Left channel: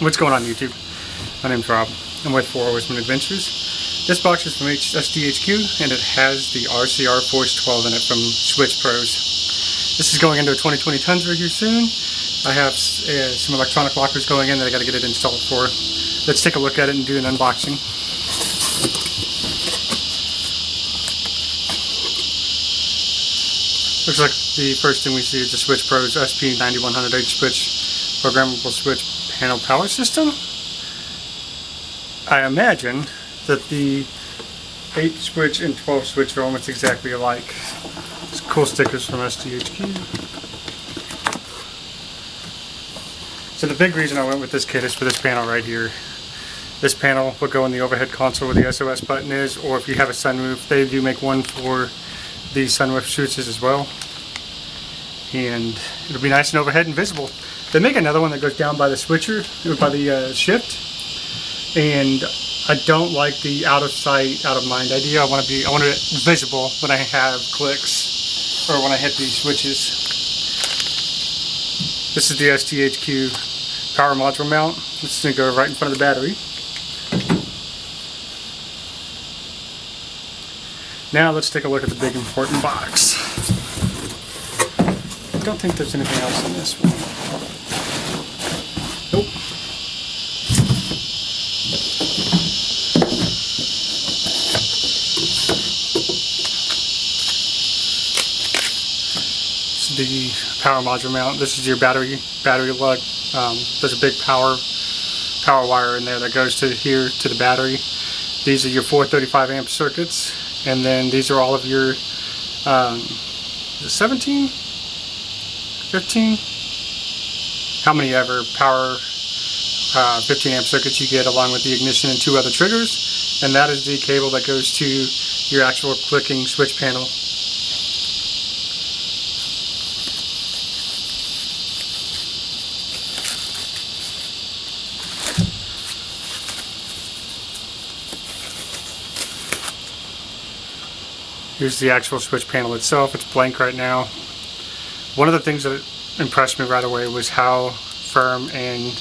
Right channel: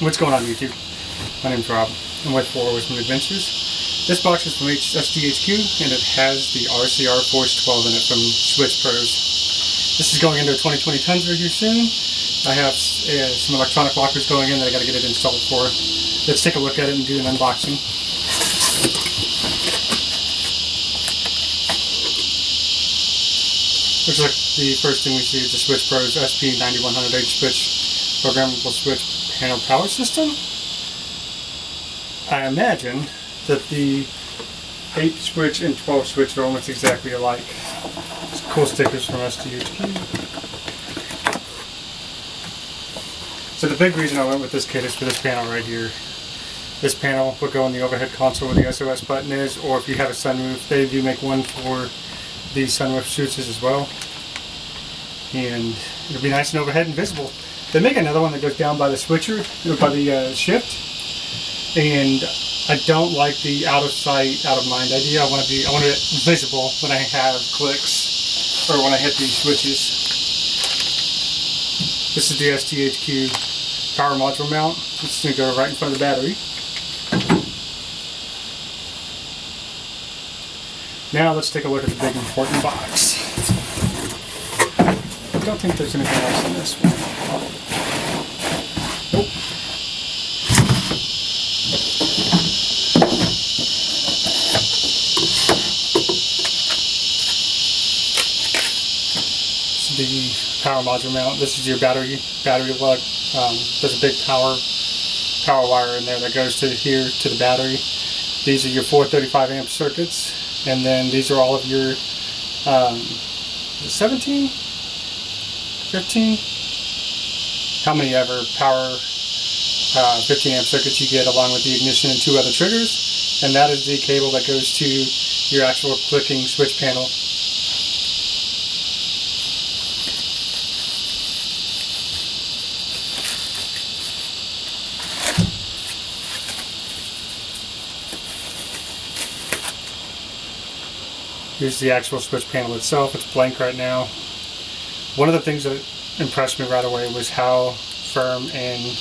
What's going on YouTube? My name's Rob. I'm with 4 Horsemen Adventures. This box is from SDHQ and it has the RCR Force 12 in it from Switch Pros. This is going into a 2020 Tundra here soon. I have some electronic lockers going in that I got to get it installed for. Let's take a look at it and do an unboxing. Looks like the first thing we see is the Switch Pros SP9100H switch programmable switch panel power system. I imagine that the 8 switch and 12 switch are almost exactly alike. Cool stickers from SDHQ. So the big reason I went with this kit is for this panel right here. This panel will go in the overhead console where the SOS button is, or if you have a sunroof, they do make one for the sunroof switches as well. And it'll be nice and overhead and visible. They make another one that goes down by the switcher, by the shift, and I don't like the out of sight, out of mind idea. I want it visible when I have clicks or when I hit these switches. This is the SDHQ power module mount. It's going to go right in front of the battery. Now let's take a look at the big important box. I don't think there's anything else in this one. Nope. This is the power module mount. This is your battery lug. There's a big power wire in there that goes to here to the battery. These are your 435 amp circuits, and then these are all of your 17, 15, how many ever power 15 amp circuits you get, along with the ignition and 2 other triggers, and that is the cable that goes to your actual clicking switch panel. Here's the actual switch panel itself. It's blank right now. One of the things that impressed me right away was how firm and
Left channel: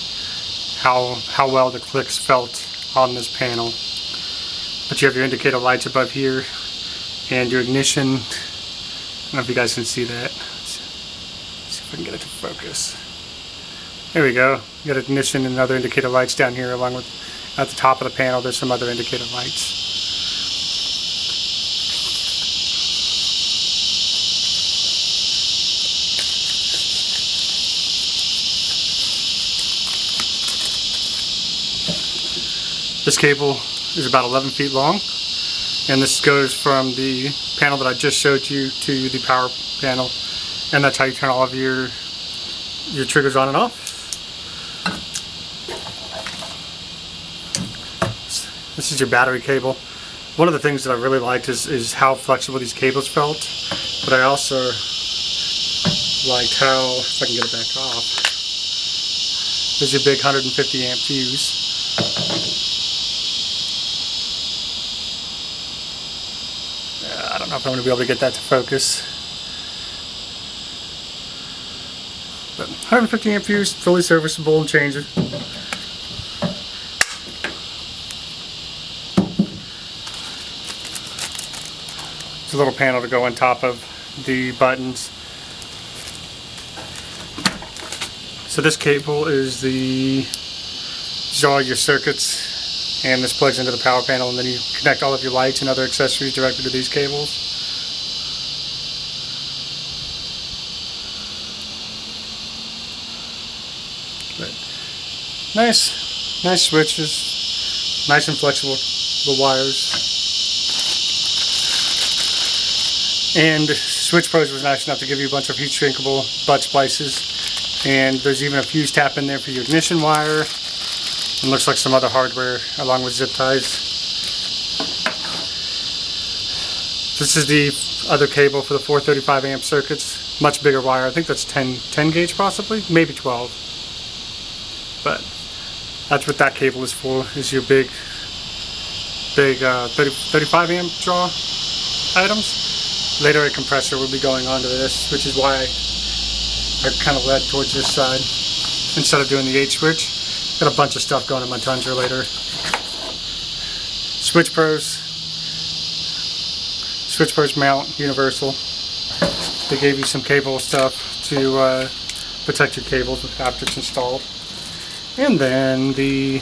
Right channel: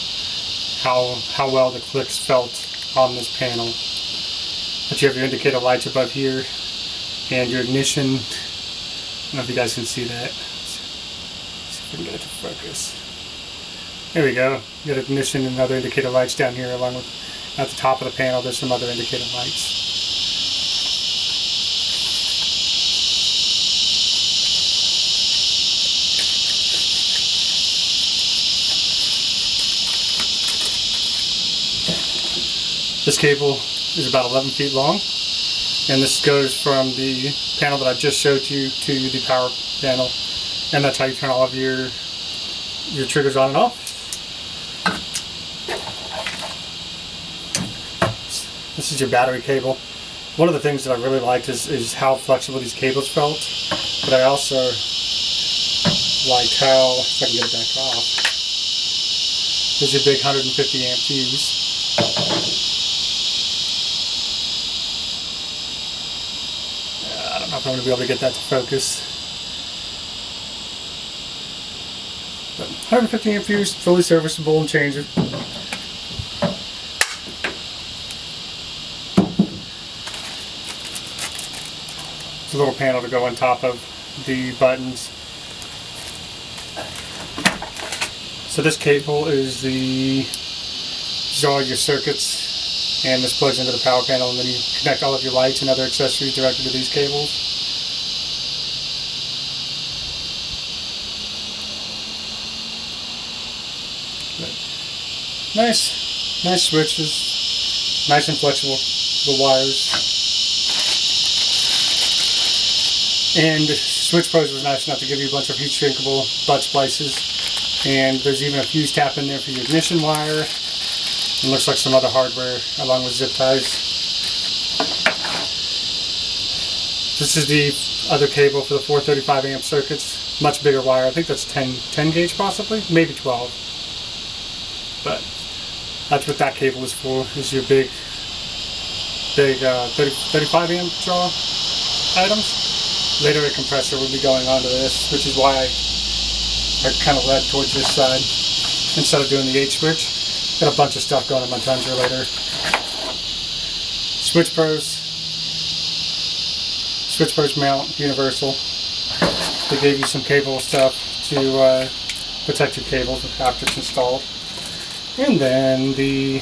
how well the clicks felt on this panel. But you have your indicator lights above here and your ignition. I don't know if you guys can see that. Let's see if we can get it to focus. There we go. You got ignition and other indicator lights down here, along with at the top of the panel there's some other indicator lights. This cable is about 11 feet long, and this goes from the panel that I just showed you to the power panel, and that's how you turn all of your triggers on and off. This is your battery cable. One of the things that I really liked is how flexible these cables felt, but I also liked how, if I can get it back off, there's your big 150 amp fuse. I don't know if I'm going to be able to get that to focus. But 150 amp fuse, fully serviceable and change it. It's a little panel to go on top of the buttons. So this cable is all your circuits, and this plugs into the power panel, and then you connect all of your lights and other accessories directly to these cables. But nice switches, nice and flexible, the wires. And Switch Pros was nice enough to give you a bunch of heat shrinkable butt splices, and there's even a fuse tap in there for your ignition wire. And looks like some other hardware along with zip ties. This is the other cable for the 435 amp circuits. Much bigger wire. I think that's 10 gauge possibly, maybe 12. But that's what that cable is for. Is your big 35 amp draw items. Later a compressor will be going onto this, which is why I kind of led towards this side instead of doing the 8 switch. Got a bunch of stuff going in my Tundra later. Switch pros mount universal. They gave you some cable stuff to protect your cables after it's installed. And then the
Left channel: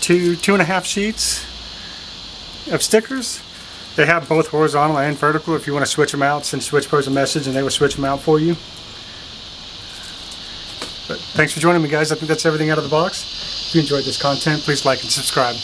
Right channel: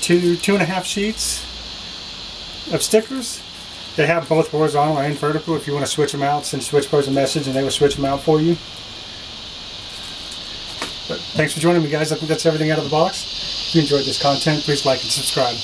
two and a half sheets of stickers. They have both horizontal and vertical. If you want to switch them out, send Switch Pros a message and they will switch them out for you. But thanks for joining me, guys. I think that's everything out of the box. If you enjoyed this content, please like and subscribe.